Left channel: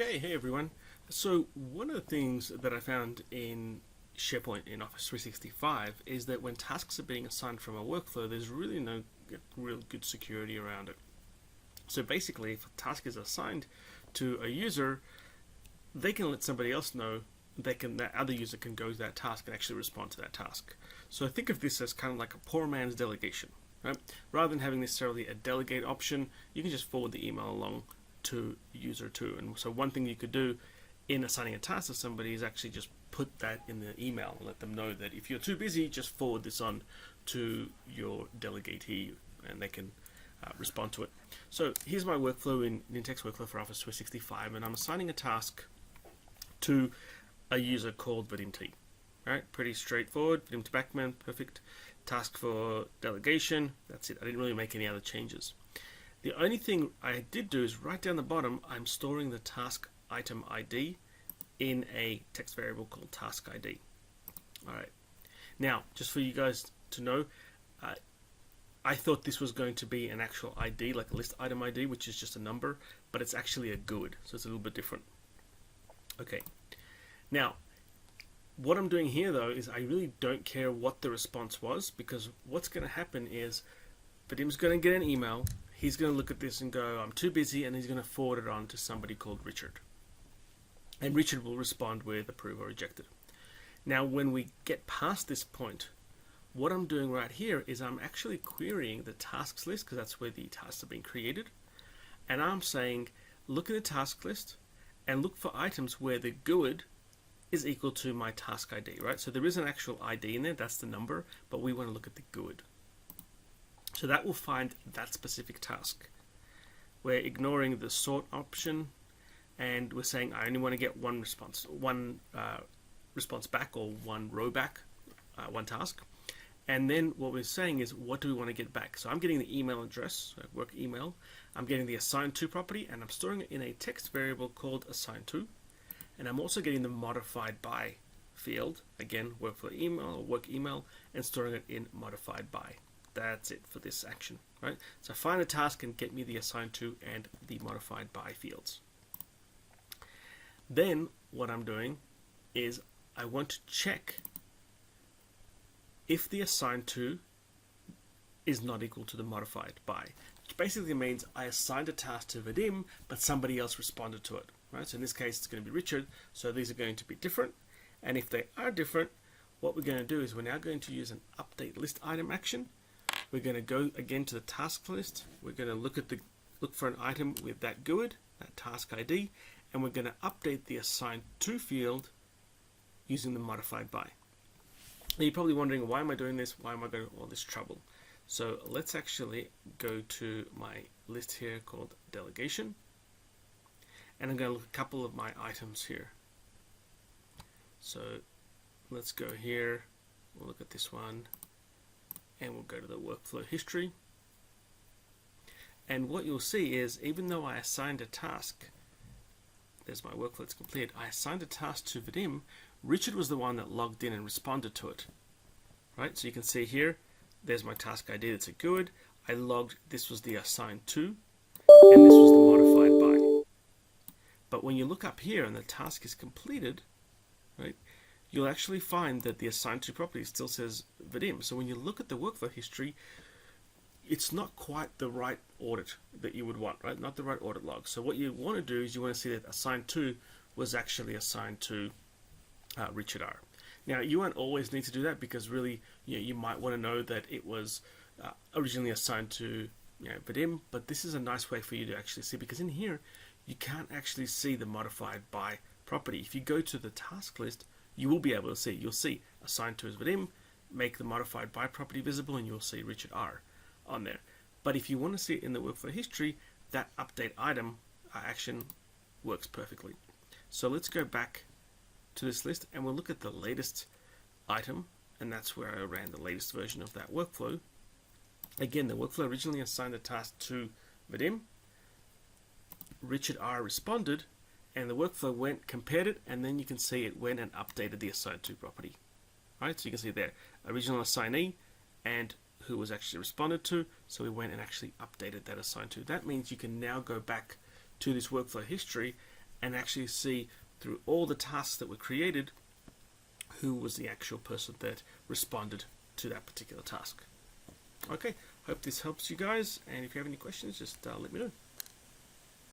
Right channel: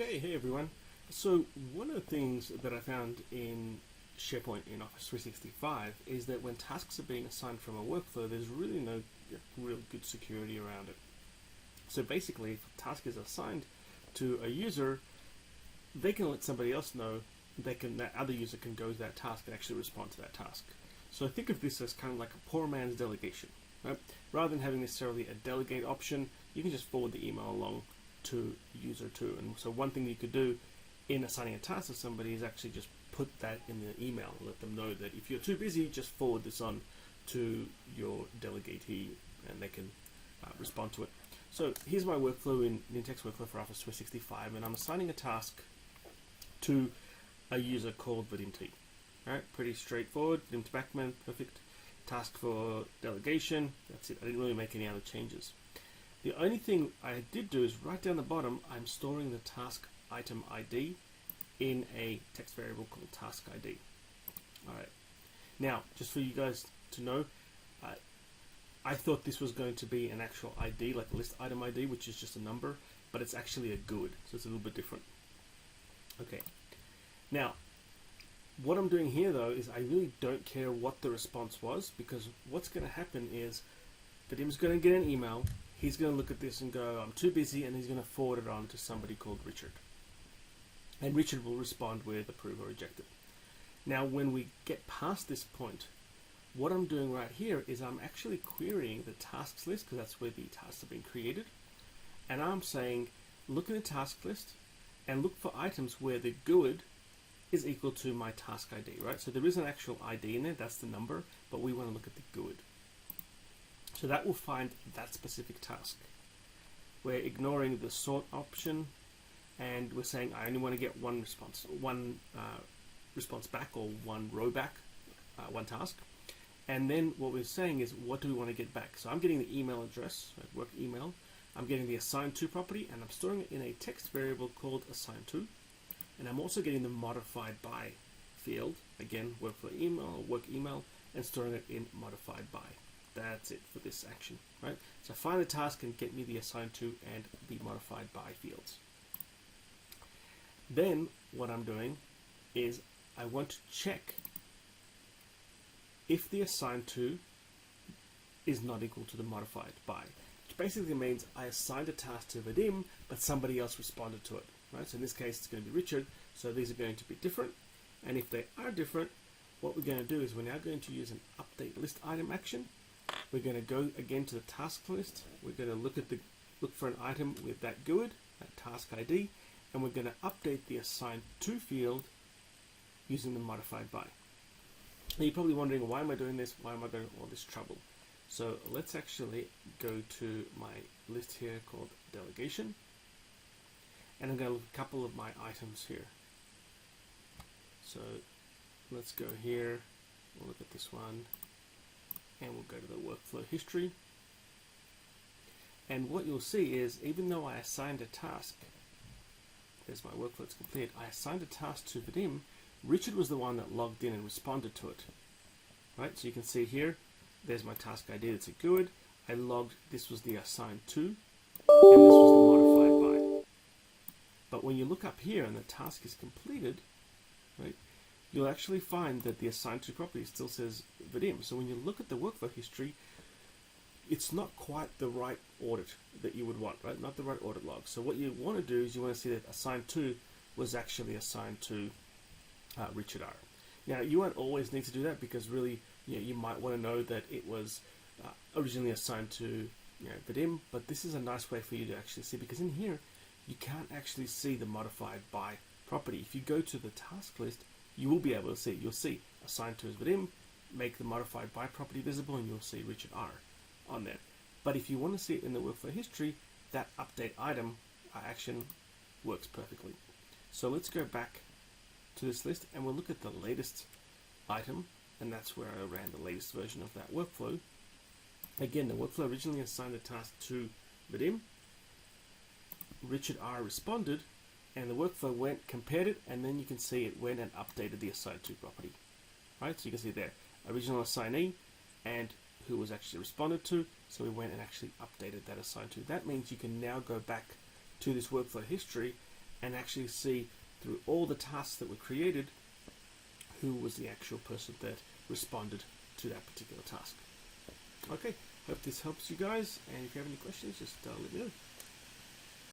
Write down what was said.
Okay, hey everyone. So one of the things that I found in SharePoint in Office 365 is that when tasks are being assigned from a workflow, there's really no real good security around it. So basically, if a task is assigned to a user, they can let somebody else know. That other user can go to that task and actually respond to that task. So think of this as kind of like a poor man's delegation, right? Rather than having necessarily a delegate option, you can just forward the email along to user 2. And so one thing you could do in assigning a task to somebody is actually just put that in the email and let them know that if you're too busy, just forward this on to your delegatee and they can respond to it. So here's my workflow in Nintex Workflow for Office 365, and I'm assigning a task to a user called Vadim T. Alright, pretty straightforward. Vadim to Backman, perfect. Task for delegation, that's it. I didn't really make any other changes. The only thing I did do is right down the bottom, I'm storing the task item ID in a text variable called task ID. Alright, now just for you guys to know, I thought this was going to be an actual ID, like a list item ID, which is just a number, but it's actually a GUID, so it's a little bit different. Okay, now what I'm doing here though is I really don't care what the response was, because what's going to happen is Vadim's going to get an email. He's going to look at this and go, I'm too busy, and he's going to forward it on to somebody called Richard. And Richard will respond with approve or reject it. Now, when we get past this point, what I'm doing right here is I'm actually querying the tasks list, because that's where the tasks are being created. And I'm saying, look at the task list and look for items where the GUID is equal to my task ID, right? So there is an actual ID in there, that's the number, but we want to look at the GUID. So that will find that specific task. We're ignoring the sort option, and we're saying I only want to get one response back, or one row back, one task. And then what we're saying is, what do we want to get back? So I'm getting the email address, so work email. I'm getting the assigned to property, and I'm storing it in a text variable called assigned to. And I'm also getting the modified by field, again, workflow email or work email, and storing it in modified by. That's it for this action, right? So find the task and get me the assigned to and the modified by fields. Then what I'm doing is I want to check if the assigned to is not equal to the modified by, which basically means I assigned a task to Vadim, but somebody else responded to it, right? So in this case, it's going to be Richard. So these are going to be different. And if they are different, what we're going to do is we're now going to use an update list item action. We're going to go again to the task list. We're going to look for an item with that GUID, that task ID, and we're going to update the assigned to field using the modified by. Now you're probably wondering, why am I doing this? Why am I going to all this trouble? So let's actually go to my list here called Delegation, and I'm going to look at a couple of my items here. So let's go here. We'll look at this one. And we'll go to the workflow history. And what you'll see is, even though I assigned a task, there's my workflow, it's complete, I assigned a task to Vadim, Richard was the one that logged in and responded to it. Right, so you can see here, there's my task ID, that's a GUID. I logged, this was the assigned to, and this was the modified by. But when you look up here and the task is completed, right, you'll actually find that the assigned to property still says Vadim. So when you look at the workflow history, it's not quite the right audit that you would want, right? Not the right audit log. So what you want to do is you want to see that assigned to was actually assigned to Richard R. Now you won't always need to do that, because really, you might want to know that it was originally assigned to Vadim, but this is a nice way for you to actually see, because in here you can't actually see the modified by property. If you go to the task list, you will be able to see. You'll see assigned to as Vadim, make the modified by property visible, and you'll see Richard R on there. But if you want to see it in the workflow history, that update item action works perfectly. So let's go back to this list and we'll look at the latest item, and that's where I ran the latest version of that workflow. Again, the workflow originally assigned a task to Vadim. Richard R responded, and the workflow went, compared it, and then you can see it went and updated the assigned to property. Right, so you can see there, original assignee and who was actually responded to. So we went and actually updated that assigned to. That means you can now go back to this workflow history and actually see through all the tasks that were created who was the actual person that responded to that particular task. Okay, hope this helps you guys, and if you have any questions, just let me know.